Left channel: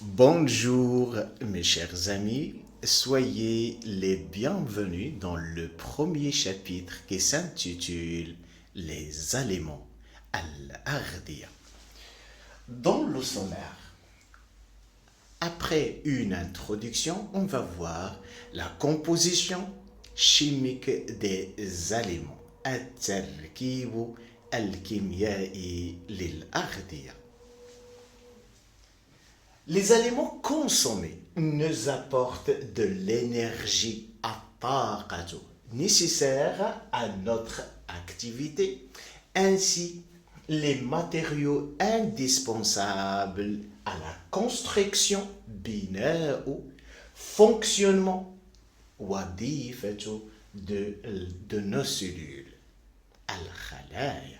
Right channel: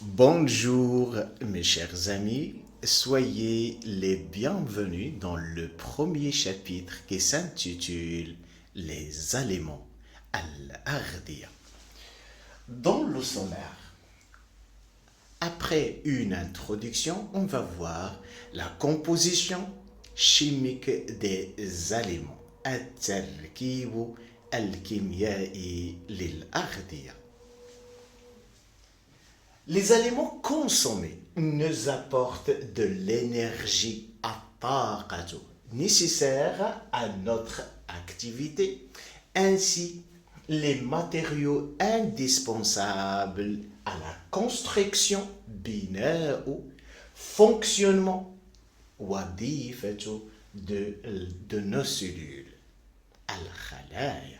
Bonjour mes chers amis, soyez les bienvenus dans le premier chapitre qui s'intitule Les aliments al-Ardia. Dans le sommaire, après une introduction, on va voir la composition chimique des aliments. التركيب الكيميائي للأغذية. Les aliments consommés nous apportent de l'énergie nécessaire à notre activité, ainsi les matériaux indispensables à la construction binaire ou fonctionnement de nos cellules. Al-Khalaya.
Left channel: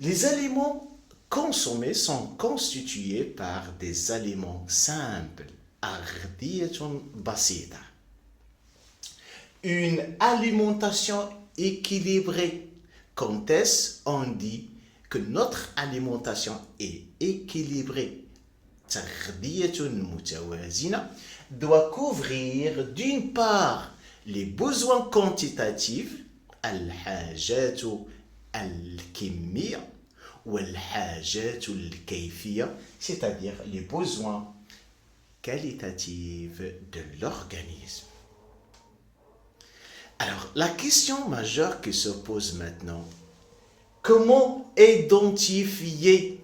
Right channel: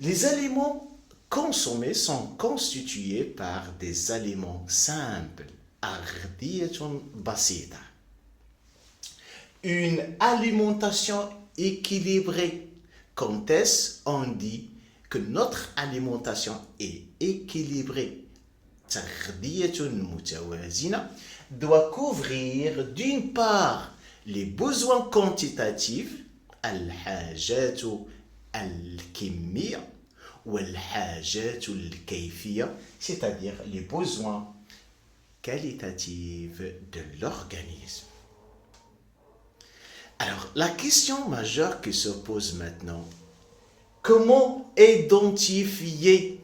Les aliments consommés sont constitués par des aliments simples, ardiyatun basita. Une alimentation équilibrée. Quand est-ce on dit que notre alimentation est équilibrée? Tardiyatun mutawazina doit couvrir d'une part les besoins quantitatifs, al-hajatu al-kimmiya, c'est-à-dire les besoins qualitatifs de l'organisme. Alors, la question majeure qui se pose maintenant, comment identifier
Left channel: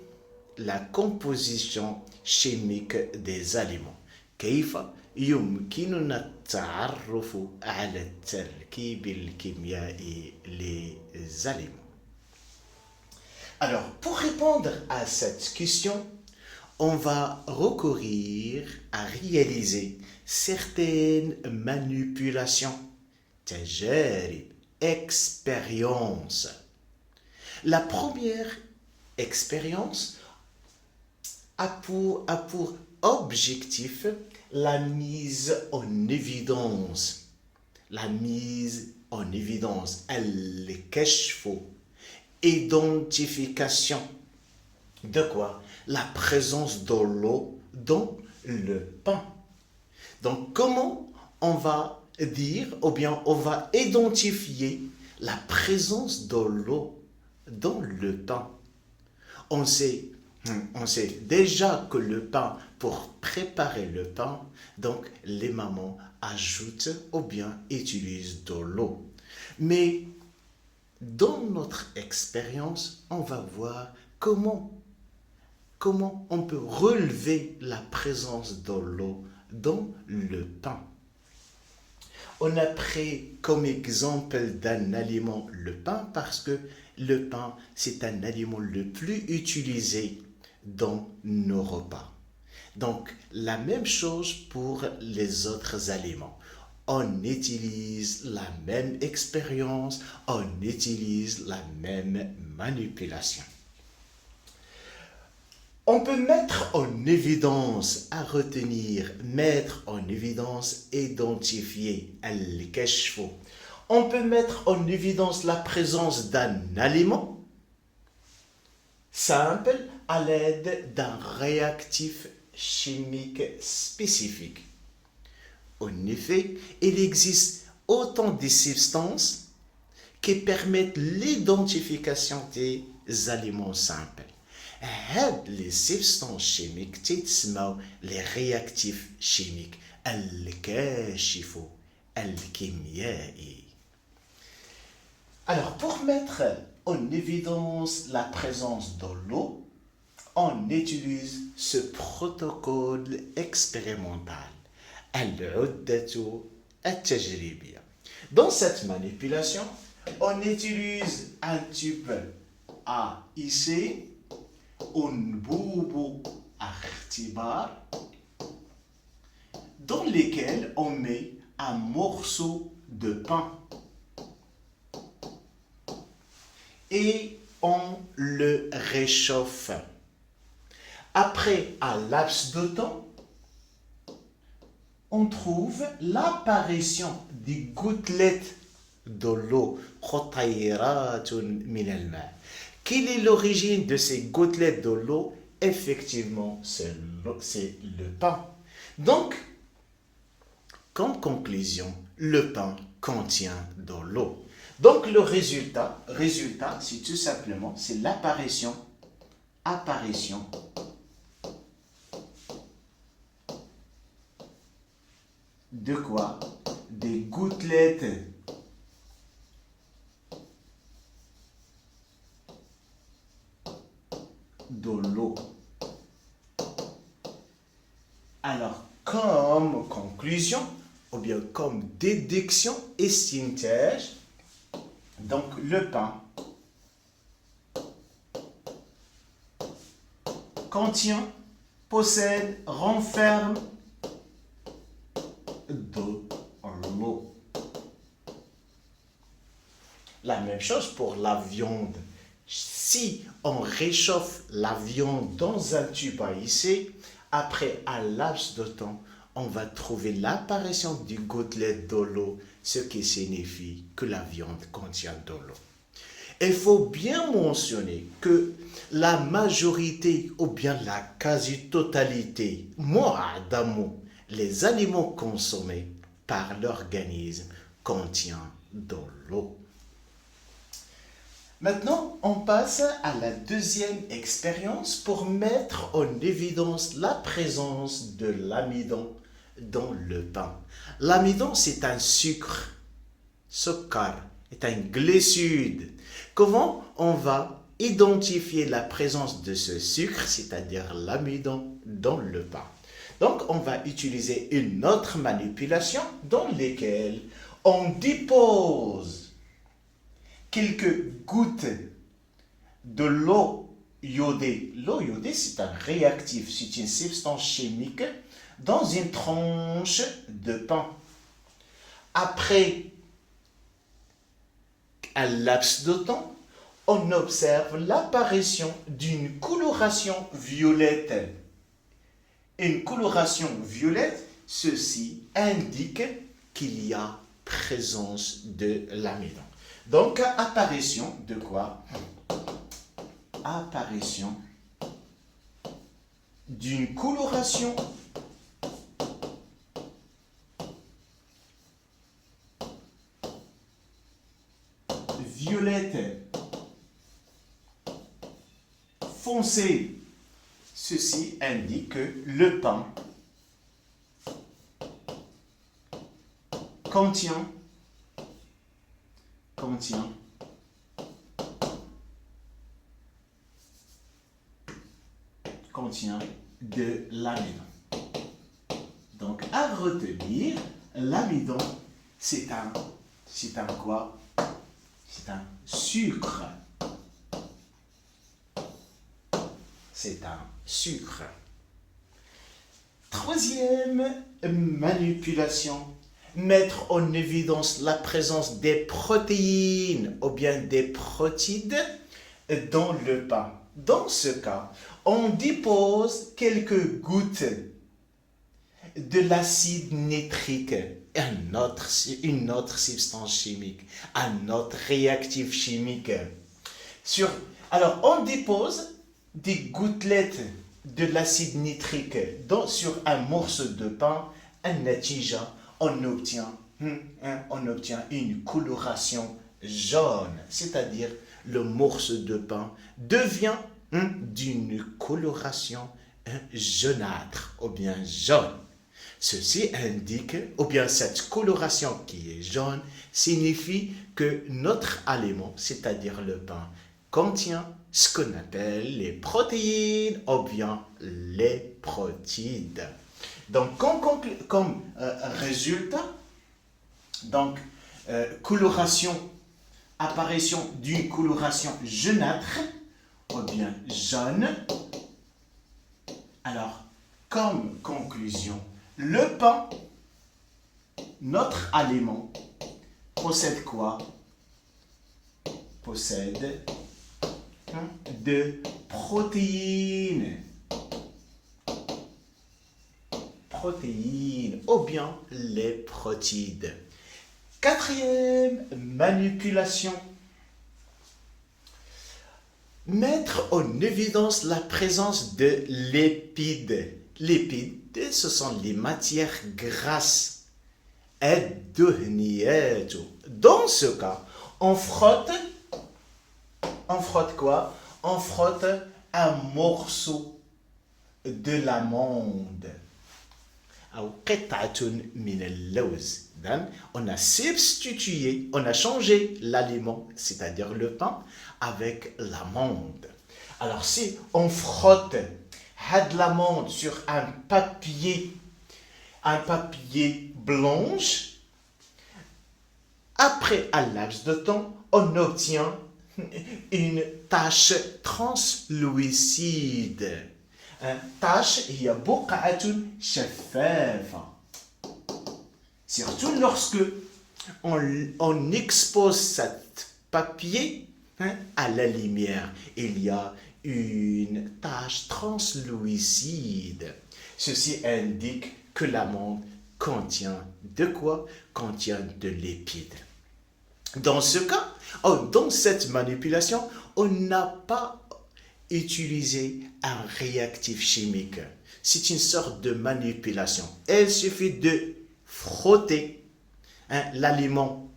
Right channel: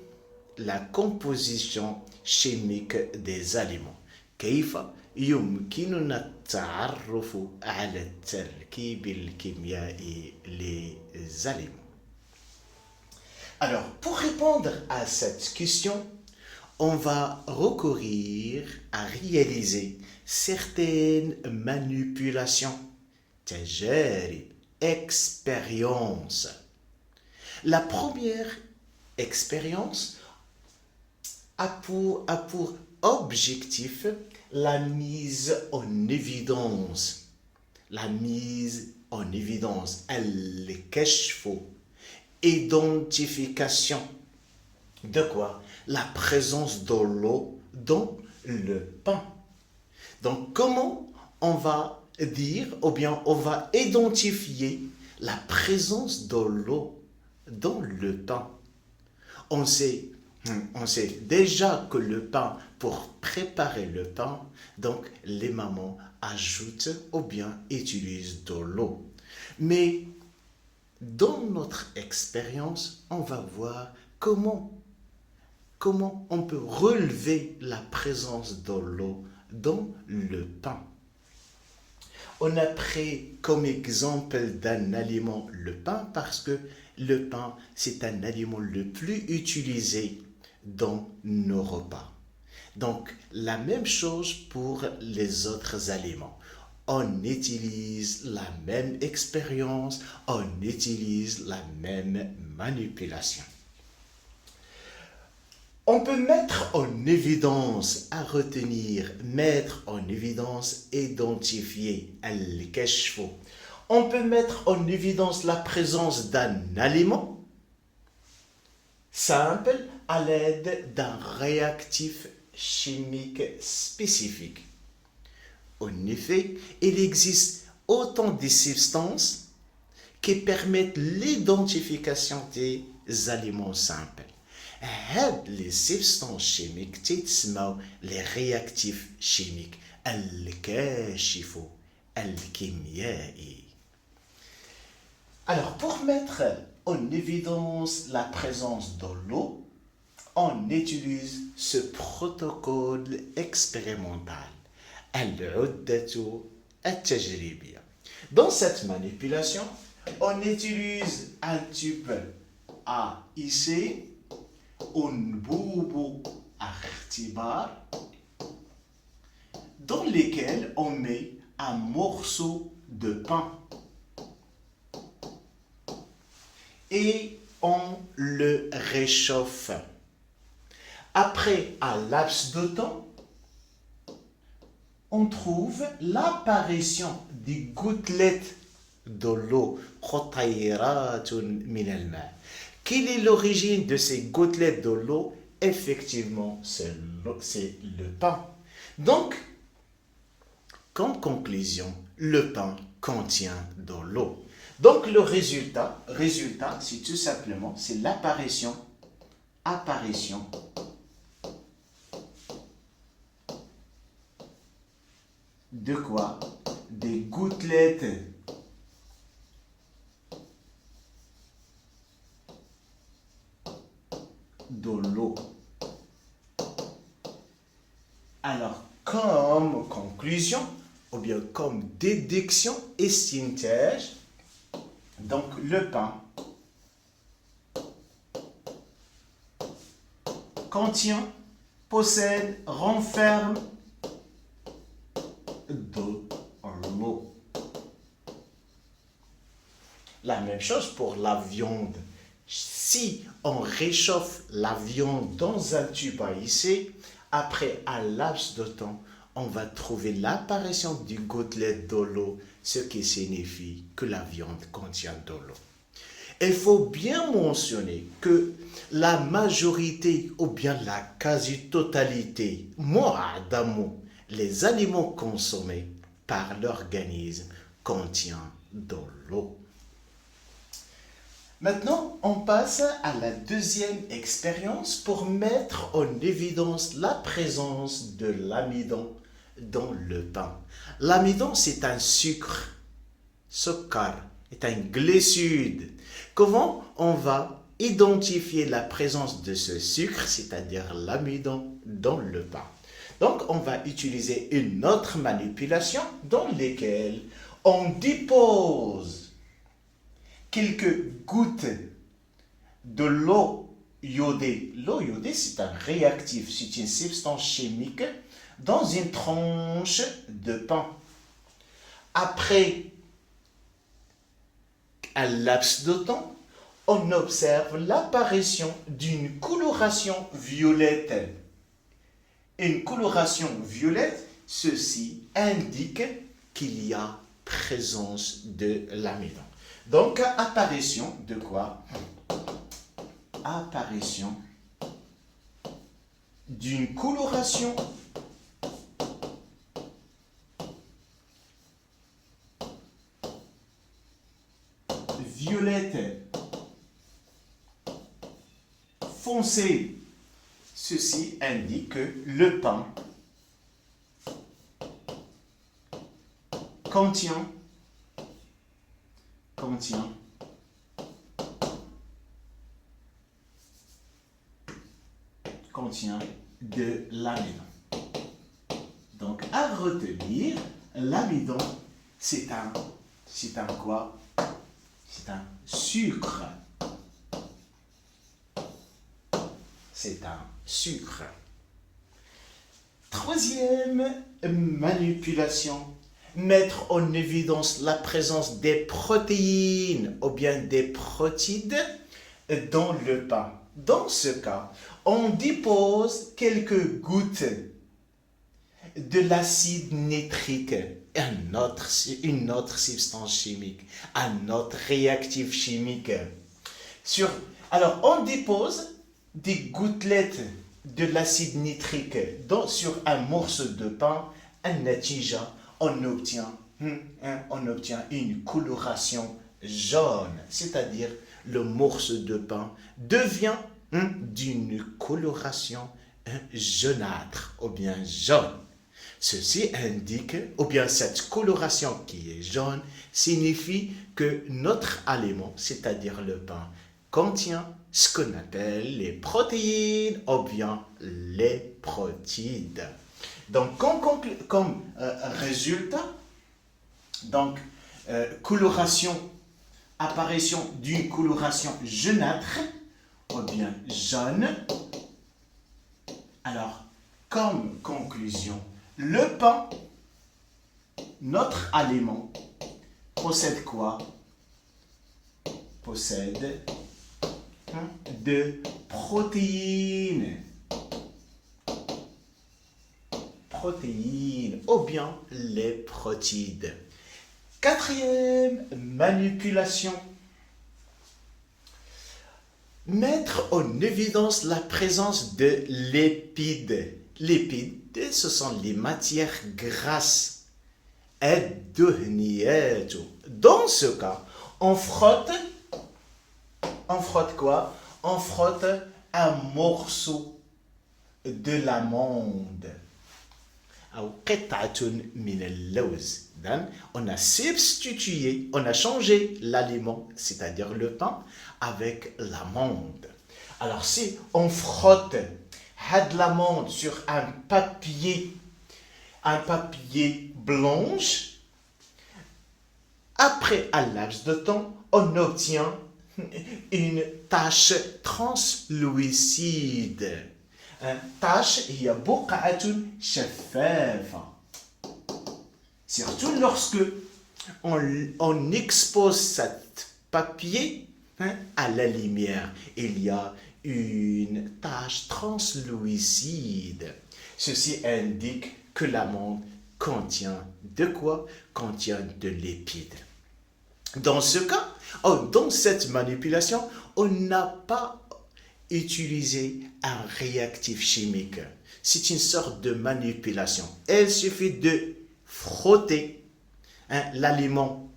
la composition chimique des aliments? كيف يمكننا التعرف على التركيب الكيميائي للأليمents؟ Alors, pour répondre à cette question, on va recourir à réaliser certaines manipulations, تجارب, expériences. La première expérience a pour objectif la mise en évidence. La mise en évidence, al-kashf, identification de quoi? La présence de l'eau dans le pain. Donc, comment on va dire, ou bien on va identifier la présence de l'eau dans le pain? On sait déjà que le pain, pour préparer le pain, donc les mamans ajoutent ou bien utilisent de l'eau. Mais dans notre expérience, on va voir comment on peut relever la présence de l'eau dans le pain. On a pris comme exemple d'un aliment le pain parce que le pain, c'est un aliment le plus utilisé dans nos repas. Donc, la même chose pour les autres aliments. On utilise la même expérience, on utilise la même manipulation. On peut mettre en évidence, à retenir, mettre en évidence, identifier, al-kashf. On peut mettre en évidence la présence d'un aliment simple à l'aide d'un réactif chimique spécifique. En effet, il existe autant de substances qui permettent l'identification des aliments simples. Les substances chimiques, les réactifs chimiques, al-kashif, al-kimyai. Alors, pour mettre en évidence la présence de l'eau, on utilise ce protocole expérimental. Dans cette manipulation, on utilise un tube AIC, أنبوب اختبار, dans lequel on met un morceau de pain et on le réchauffe. Après un laps de temps, on trouve l'apparition des gouttelettes de l'eau. Quelle est l'origine de ces gouttelettes de l'eau? effectivement, c'est le pain. Donc, comme conclusion, le pain contient de l'eau. Donc, le résultat, c'est tout simplement, c'est l'apparition de quoi? Des gouttelettes de l'eau. Alors, comme conclusion, ou bien comme déduction et synthèse, donc le pain contient, possède, renferme de l'eau. La même chose pour la viande. Si on réchauffe la viande dans un tube à essai, après un laps de temps, on va trouver l'apparition du gouttelet de l'eau, ce qui signifie que la viande contient de l'eau. Il faut bien mentionner que la majorité ou bien la quasi-totalité, mot à mot, les aliments consommés par l'organisme contiennent de l'eau. Maintenant, on passe à la deuxième expérience pour mettre en évidence la présence de l'amidon dans le pain. L'amidon, c'est un sucre, est un glucide. Comment on va identifier la présence de ce sucre, c'est-à-dire l'amidon, dans le pain? Donc, on va utiliser une autre manipulation dans laquelle on dépose quelques gouttes de l'eau iodée. L'eau iodée, c'est un réactif, c'est une substance chimique dans une tranche de pain. Après un laps de temps, on observe l'apparition d'une coloration violette. Une coloration violette, ceci indique qu'il y a présence de l'amidon. Donc, apparition de quoi? Apparition d'une coloration violette foncée. Ceci indique que le pain contient de l'amidon. Donc, à retenir, l'amidon, c'est un quoi? C'est un sucre. C'est un sucre. Troisième manipulation, mettre en évidence la présence des protéines ou bien des protides dans le pain. Dans ce cas, on dépose quelques gouttes de l'acide nitrique, une autre substance chimique, un autre réactif chimique. Alors, on dépose des gouttelettes de l'acide nitrique sur un morceau de pain, on obtient une coloration jaune, c'est-à-dire le morceau de pain devient d'une coloration jaunâtre ou bien jaune. Ceci indique, ou bien cette coloration qui est jaune, signifie que notre aliment, c'est-à-dire le pain, contient ce qu'on appelle les protéines ou bien les protides. Donc, comme résultat, donc, apparition d'une coloration jaunâtre ou bien jaune. Alors, comme conclusion, le pain, notre aliment, possède quoi? Possède de protéines. Protéines ou bien les protides. Quatrième manipulation. mettre en évidence la présence de lipides. Lipides, ce sont les matières grasses. الدهنيات. Dans ce cas, on frotte quoi? On frotte un morceau de l'amande. أو قطعة من اللوز. On a substitué, on a changé l'aliment, c'est-à-dire le pain, avec l'amande. Alors si on frotte de l'amande sur un papier blanche, après un laps de temps, on obtient une tache translucide. Tache هي بقعة شفافة. Surtout lorsque on expose cet papier à la lumière, il y a une tache translucide. Ceci indique que l'amande contient de quoi? Contient de lipides. Dans ce cas, dans cette manipulation, on n'a pas utilisé un réactif chimique. C'est une sorte de manipulation. Il suffit de frotter l'aliment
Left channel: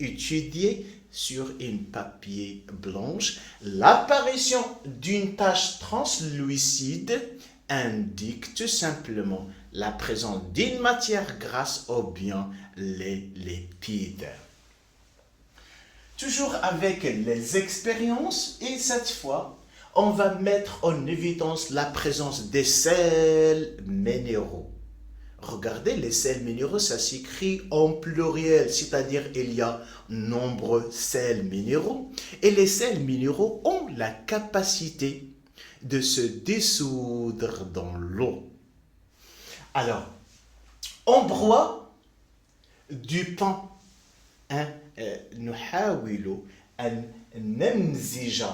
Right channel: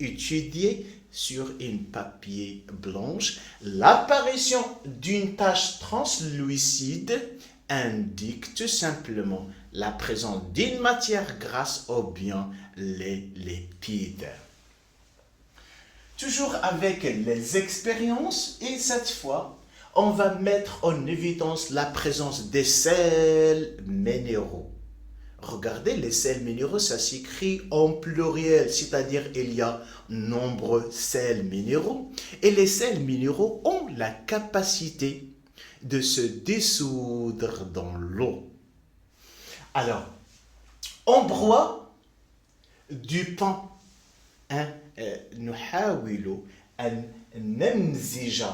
étudié sur une papier blanche. L'apparition d'une tache translucide indique tout simplement la présence d'une matière grasse ou bien les lipides. Toujours avec les expériences, et cette fois, on va mettre en évidence la présence des sels minéraux. Regardez, les sels minéraux, ça s'écrit en pluriel, c'est-à-dire il y a nombreux sels minéraux. Et les sels minéraux ont la capacité de se dissoudre dans l'eau. Alors, on broie du pain. نحاول أن نمزج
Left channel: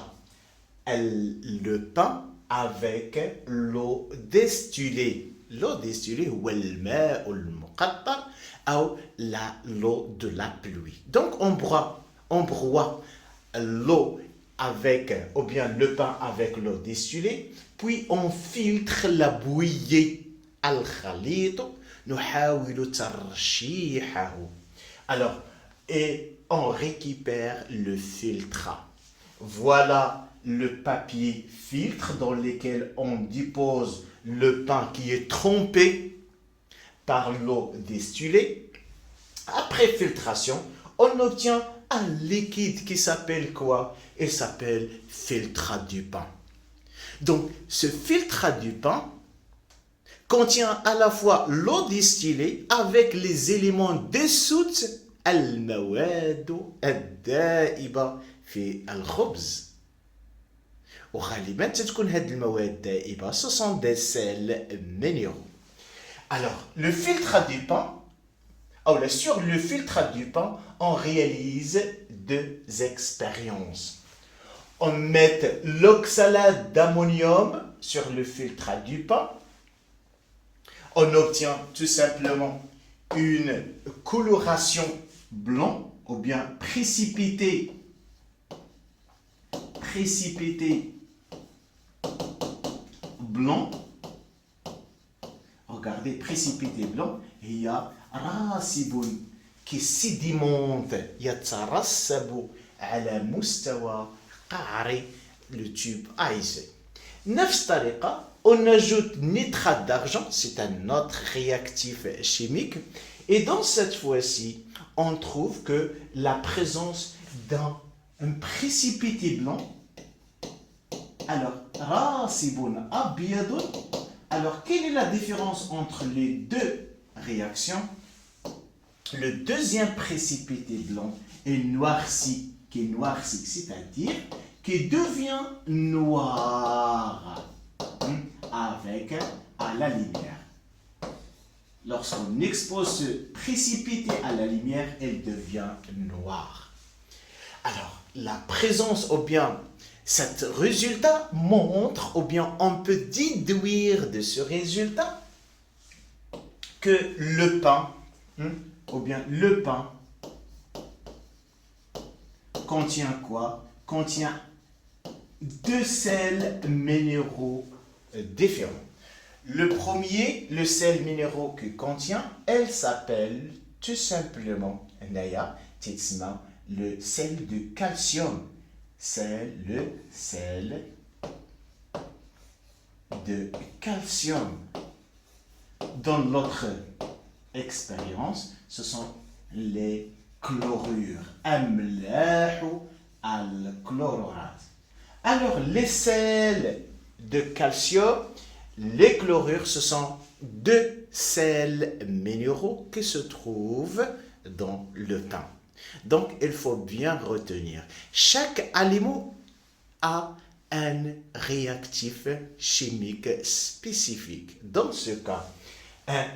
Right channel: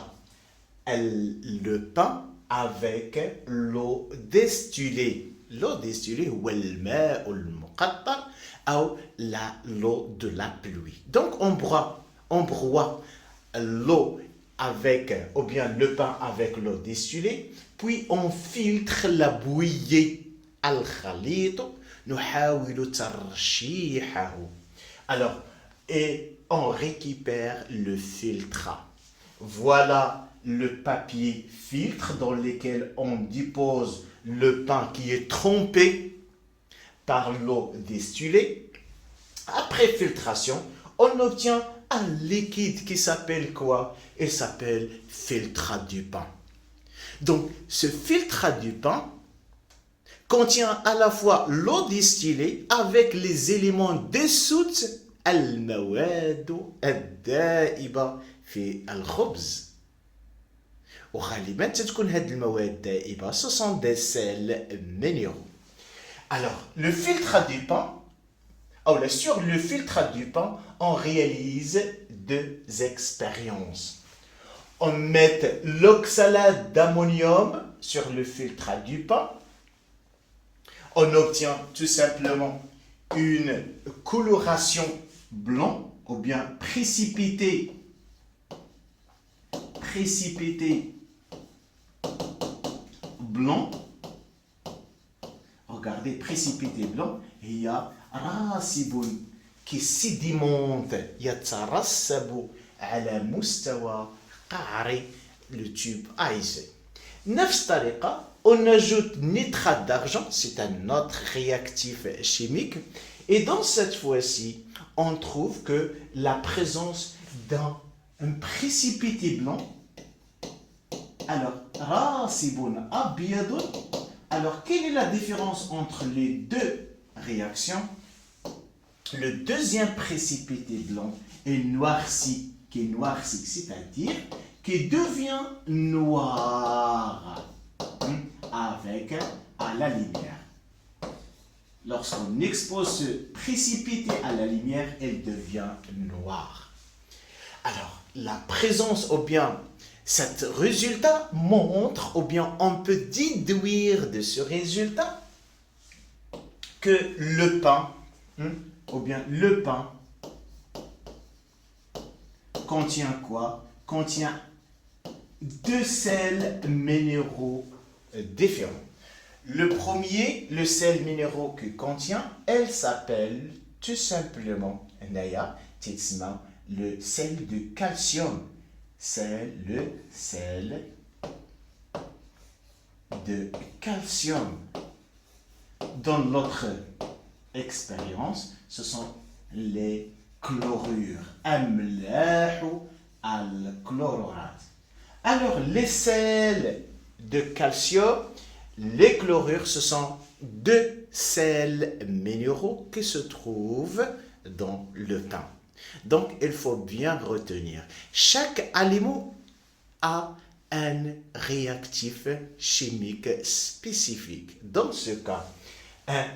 le pain avec l'eau distillée. L'eau distillée هو الماء المقطر أو l'eau de la pluie. Donc on broie l'eau avec, ou bien le pain avec l'eau distillée, puis on filtre la bouillie. الخليط نحاول ترشيحه. Alors, et on récupère le filtre. Voilà le papier filtre dans lequel on dépose le pain qui est trempé par l'eau distillée. Après filtration, on obtient un liquide qui s'appelle quoi? Il s'appelle filtre du pain. Donc, ce filtre du pain contient à la fois l'eau distillée avec les éléments dissoutes المواد الدائبة في الخبز. وغالبا تكون هذه المواد الدائبة ce sont des sels minéraux. Alors, le filtre du pain, sur le filtre du pain, on réalise deux expériences. On met l'oxalate d'ammonium sur le filtre du pain. On obtient tout simplement une coloration blanc ou bien précipité blanc. Regardez, précipité blanc, il y a راسب qui sédimente يترسب على مستوى قعر le tube AIC. نفس الطريقة, on ajoute nitrate d'argent, c'est un autre réactif chimique, et dans cette fois-ci, on trouve que la présence d'un précipité blanc, alors, rasibun abiyadun, alors quelle est la différence entre les deux réactions? Le deuxième précipité blanc est noirci, c'est-à-dire qui devient noir avec à la lumière. Lorsqu'on expose ce précipité à la lumière, elle devient noire. Alors, la présence ou bien cet résultat montre, ou bien on peut déduire de ce résultat que le pain, contient quoi? Contient deux sels minéraux différents. Le premier, le sel minéraux que contient, elle s'appelle tout simplement, Naya, le sel de calcium. C'est le sel de calcium. Dans notre expérience, ce sont les chlorures. Amlahu al-chlorat. Alors, les sels de calcium, les chlorures, ce sont deux sels minéraux qui se trouvent dans le pain. Donc, il faut bien retenir, chaque aliment a un réactif chimique spécifique. Dans ce cas,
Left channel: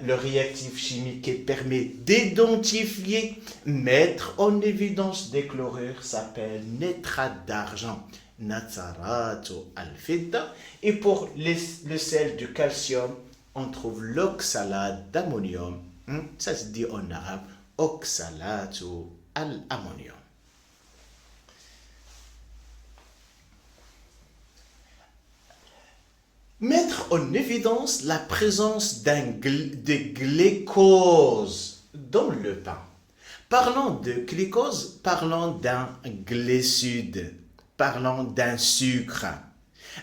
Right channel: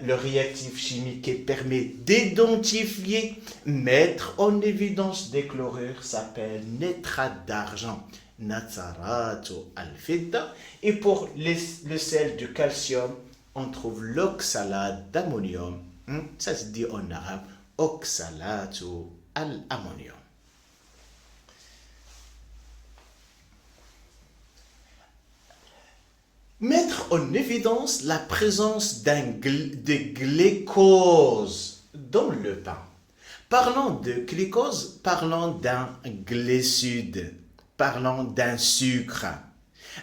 le réactif chimique qui permet d'identifier, mettre en évidence des chlorures s'appelle nitrate d'argent, natsaratu al-fidda. Et pour le sel de calcium, on trouve l'oxalate d'ammonium. Ça se dit en arabe, oxalatu al-ammonium. Mettre en évidence la présence de glucose dans le pain. Parlons de glucose, parlons d'un glucide, parlons d'un sucre.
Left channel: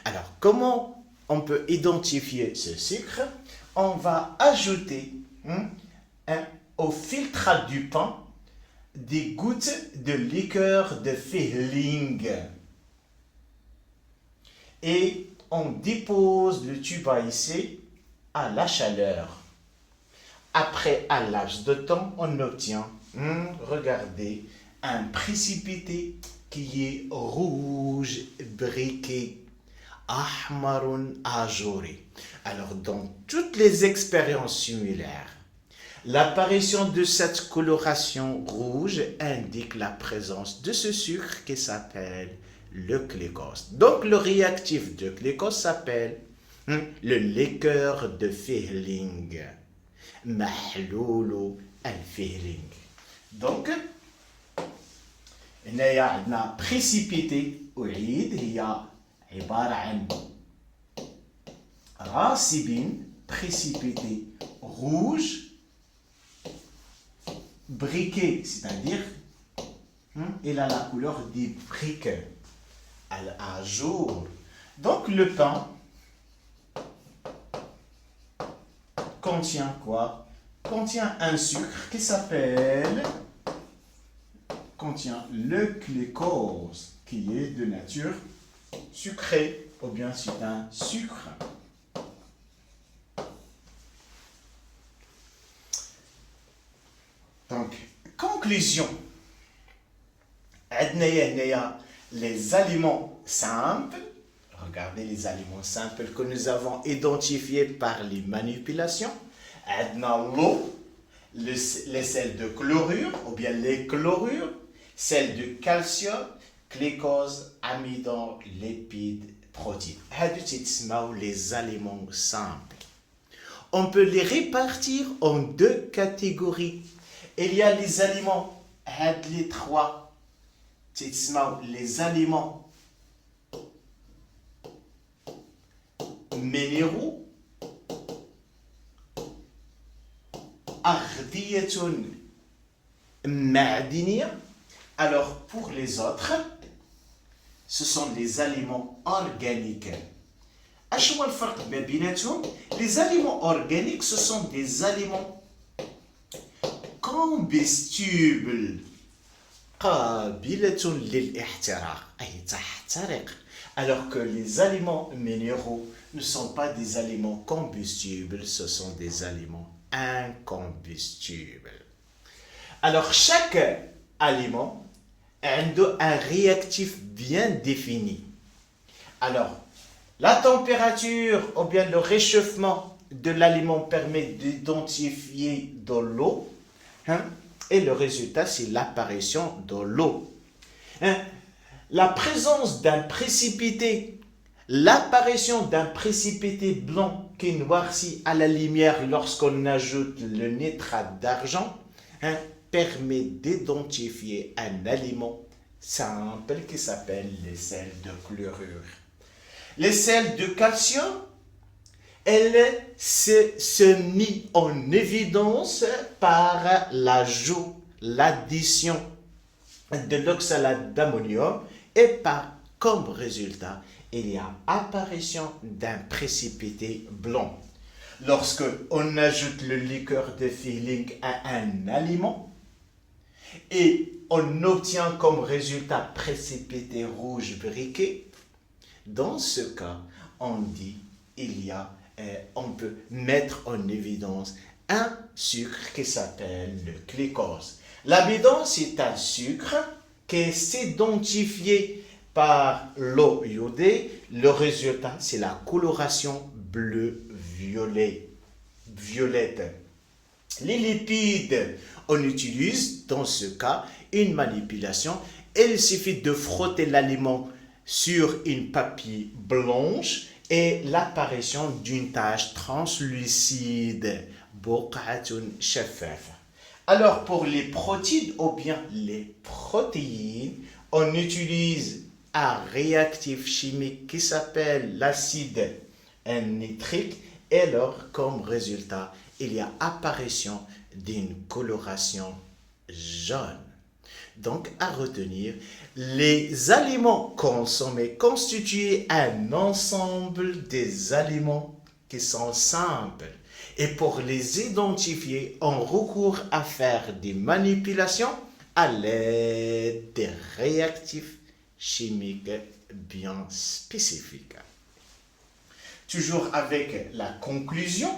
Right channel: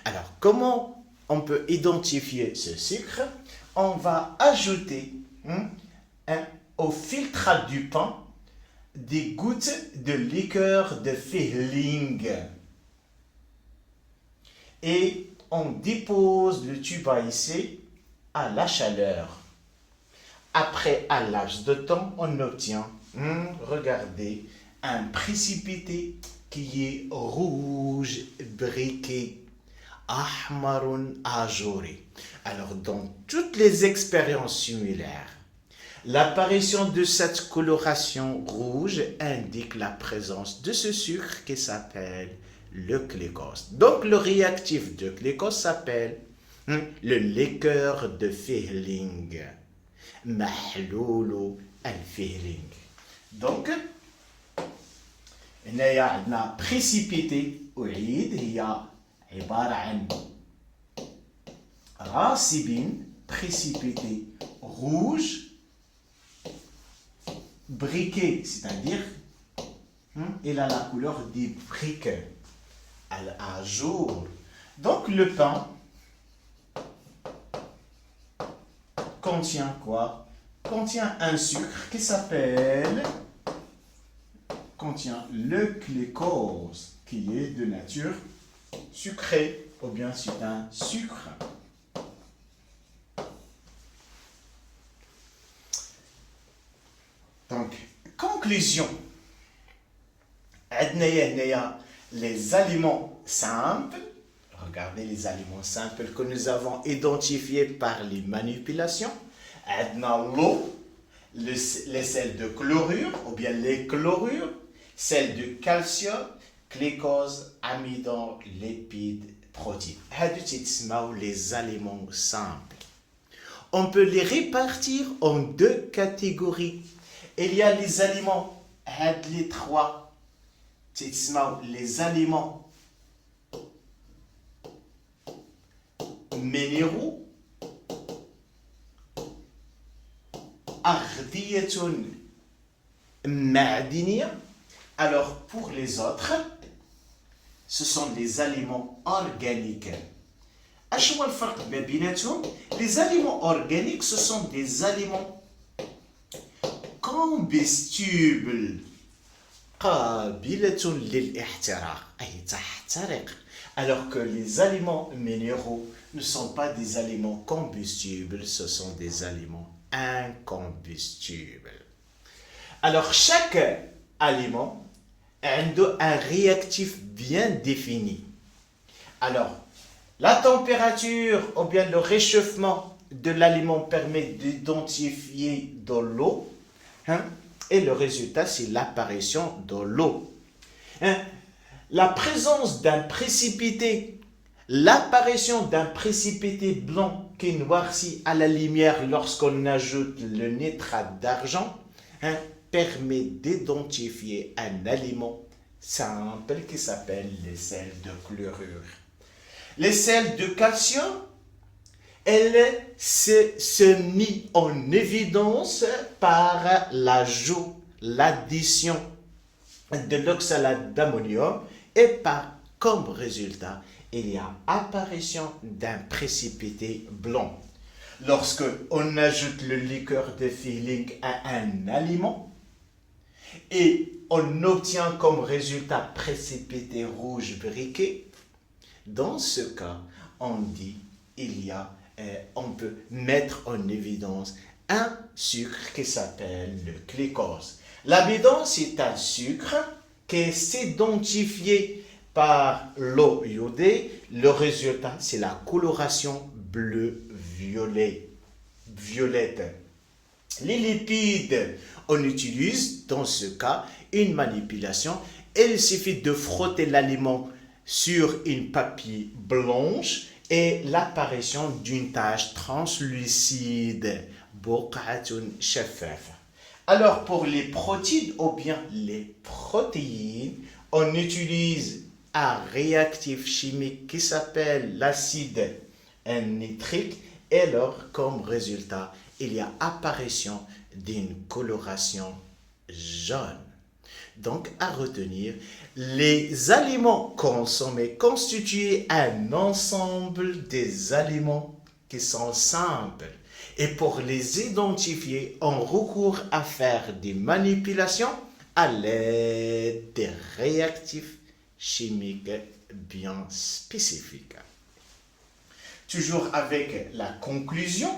Alors, comment on peut identifier ce sucre? On va ajouter au filtre du pain des gouttes de liqueur de Fehling. Et on dépose le tube à essai à la chaleur. Après un laps de temps, on obtient, regardez, un précipité qui est rouge briqué, ahmarun ajouré. Alors, dans toutes les expériences similaires, l'apparition de cette coloration rouge indique la présence de ce sucre qui s'appelle le glucose. Donc, le réactif de glucose s'appelle le liqueur de Fehling. Mahloulou al-Fehling. Donc, il y a un précipité, il y a un racibine, précipité rouge, briquet, c'est-à-dire, il a la couleur des briques. À jour. Donc le pain contient quoi? Contient un sucre qui contient le glucose, qui est de nature sucrée, ou bien c'est un sucre. Donc, conclusion. Les aliments simples, regardez les aliments simples que nous avons identifiés par les manipulations. L'eau, les sels de chlorure, ou bien les chlorures, sels de calcium, glucose, amidon, lipides, protéines. Les aliments simples. On peut les répartir en deux catégories. Il y a les aliments, les trois. Les aliments minéraux, أغذية معدنية. Alors pour les autres, ce sont les aliments organiques. أشو الفرق ما بيناتهم؟ Les aliments organiques, ce sont des aliments combustibles. قابلة للاحتراق أي تحترق. Alors que les aliments minéraux ne sont pas des aliments combustibles, ce sont des aliments incombustibles. Alors chaque aliment a un réactif bien défini. Alors, la température ou bien le réchauffement de l'aliment permet d'identifier de l'eau. Et le résultat, c'est l'apparition de l'eau. La présence d'un précipité, l'apparition d'un précipité blanc qui noircit à la lumière lorsqu'on ajoute le nitrate d'argent, permet d'identifier un aliment simples qui s'appellent les sels de chlorure. Les sels de calcium, elles se mis en évidence par l'ajout, l'addition de l'oxalate d'ammonium et par comme résultat, il y a apparition d'un précipité blanc. Lorsque on ajoute le liqueur de Feeling à un aliment et on obtient comme résultat précipité rouge briquet, dans ce cas, on dit on peut mettre en évidence un sucre qui s'appelle le glucose. L'amidon, c'est un sucre qui s'est identifié par l'eau iodée. Le résultat, c'est la coloration bleu-violette. Les lipides, on utilise dans ce cas une manipulation. Il suffit de frotter l'aliment sur une papier blanche et l'apparition d'une tache translucide. Alors pour les protéines ou bien les protéines, on utilise un réactif chimique qui s'appelle l'acide nitrique et alors comme résultat, il y a apparition d'une coloration jaune. Donc à retenir, les aliments consommés constituent un ensemble des aliments qui sont simples. Et pour les identifier, on recourt à faire des manipulations à l'aide des réactifs chimiques bien spécifiques. Toujours avec la conclusion,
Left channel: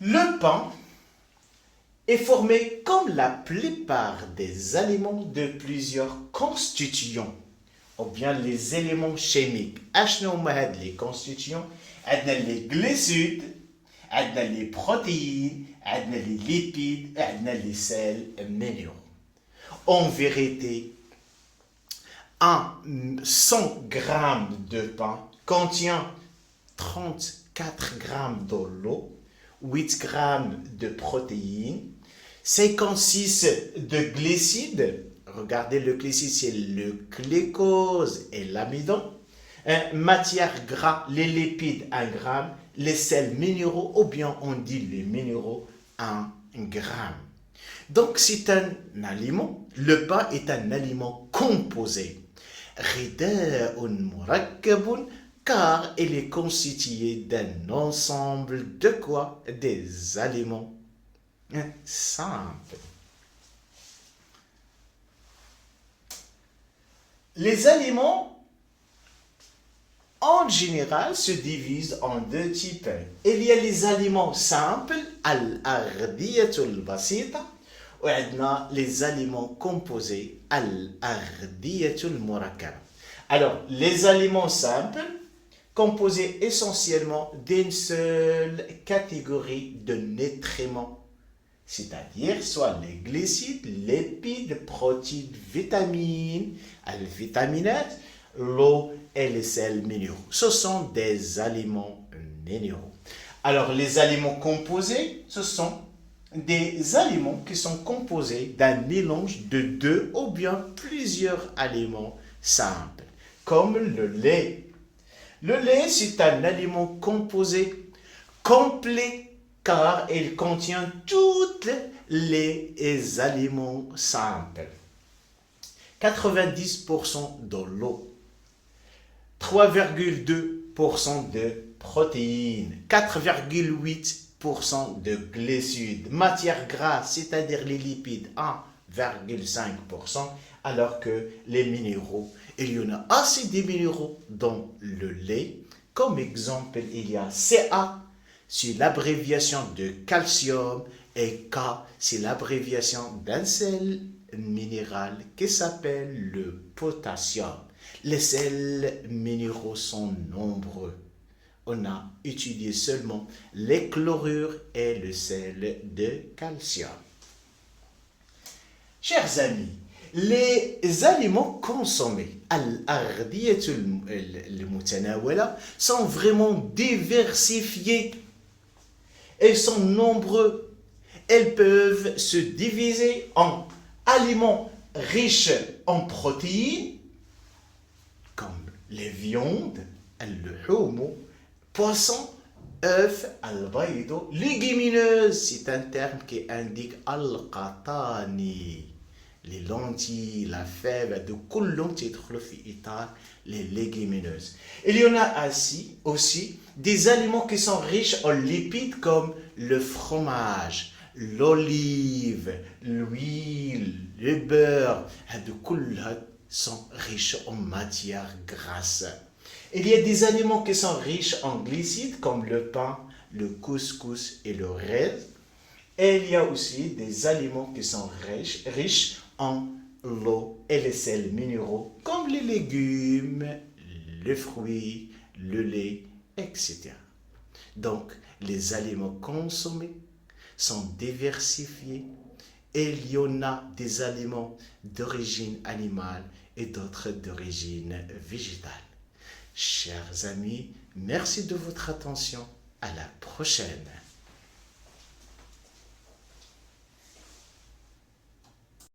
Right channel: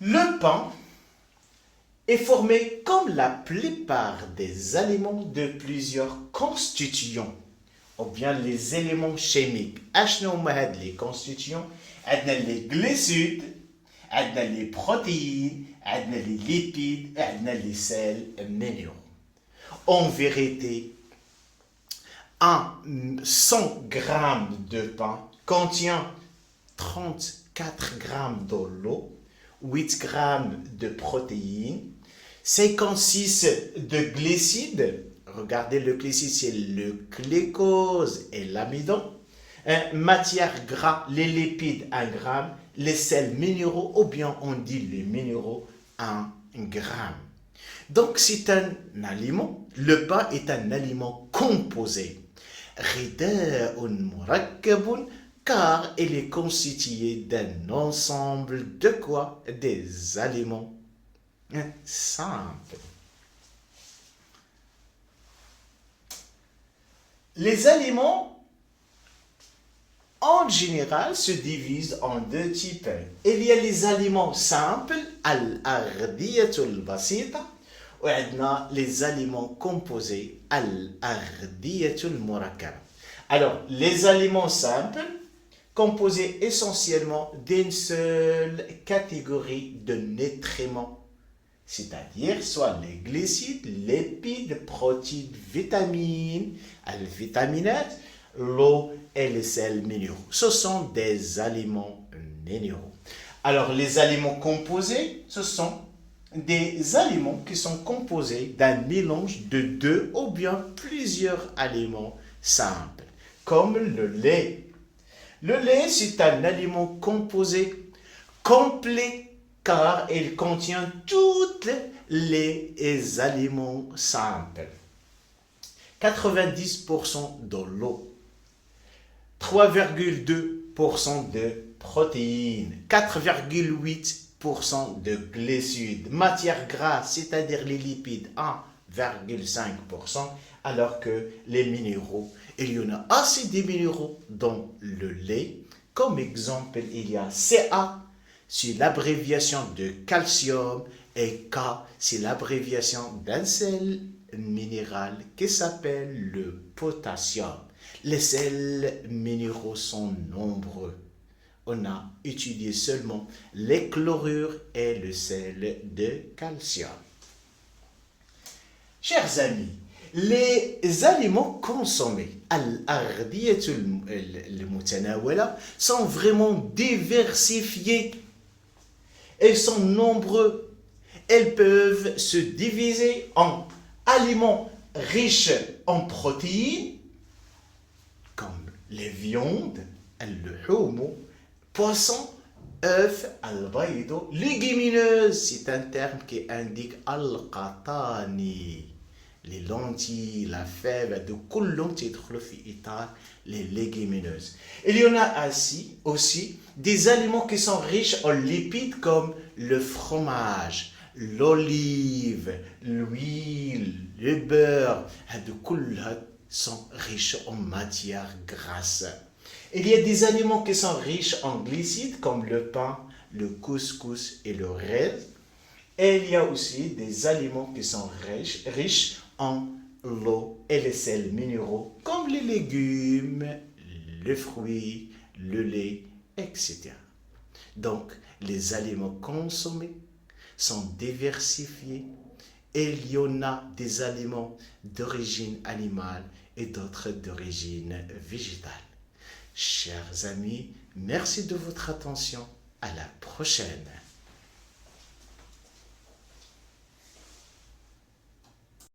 le pain est formé comme la plupart des aliments de plusieurs constituants, ou bien les éléments chimiques. Les constituants, les glucides, les protéines, les lipides, les sels minéraux. En vérité, 100 grammes de pain contient 34 grammes d'eau, 8 grammes de protéines, 56 de glucides. Regardez, le glucide, c'est le glucose et l'amidon. Matière gras, les lipides, 1 gramme. Les sels minéraux, ou bien on dit les minéraux, 1 gramme. Donc, c'est un aliment. Le pain est un aliment composé. Car il est constitué d'un ensemble de quoi? Des aliments simples. Les aliments, en général, se divisent en 2 types. Il y a les aliments simples, al-ardiyatul basita, ou les aliments composés, al-ardiyatul murakkab. Alors, les aliments simples, composés essentiellement d'une seule catégorie de nutriments, c'est-à-dire soit les glucides, lipides, protéines, vitamines, les vitaminates, l'eau et les sels minéraux. Ce sont des aliments minéraux. Alors, les aliments composés, ce sont des aliments qui sont composés d'un mélange de 2 ou bien plusieurs aliments simples, comme le lait. Le lait, c'est un aliment composé complet car il contient tous les aliments simples. 90% de l'eau, 3,2% de protéines, 4,8% de glucides, matière grasse, c'est-à-dire les lipides, 1,5%, alors que les minéraux, il y en a assez de minéraux dans le lait. Comme exemple, il y a Ca, c'est l'abréviation de calcium, et K, c'est l'abréviation d'un sel minéral qui s'appelle le potassium. Les sels minéraux sont nombreux. On a étudié seulement les chlorures et le sel de calcium. Chers amis, les aliments consommés sont vraiment diversifiés. Ils sont nombreux. Elles peuvent se diviser en aliments riches en protéines, comme les viandes, al-luhum, poissons, œufs, al-baydo, légumineuses, c'est un terme qui indique al-qatani, les lentilles, la fève, de kullum tidkhulu fi itar, les légumineuses. Il y en a aussi des aliments qui sont riches en lipides comme le fromage, l'olive, l'huile, le beurre, de kullum sont riches en matière grasse. Il y a des aliments qui sont riches en glucides comme le pain, le couscous et le riz. Et il y a aussi des aliments qui sont riches en l'eau et les sels minéraux comme les légumes, les fruits, le lait, etc. Donc, les aliments consommés sont diversifiés et il y en a des aliments d'origine animale et d'autres d'origine végétale. Chers amis, merci de votre attention. À la prochaine.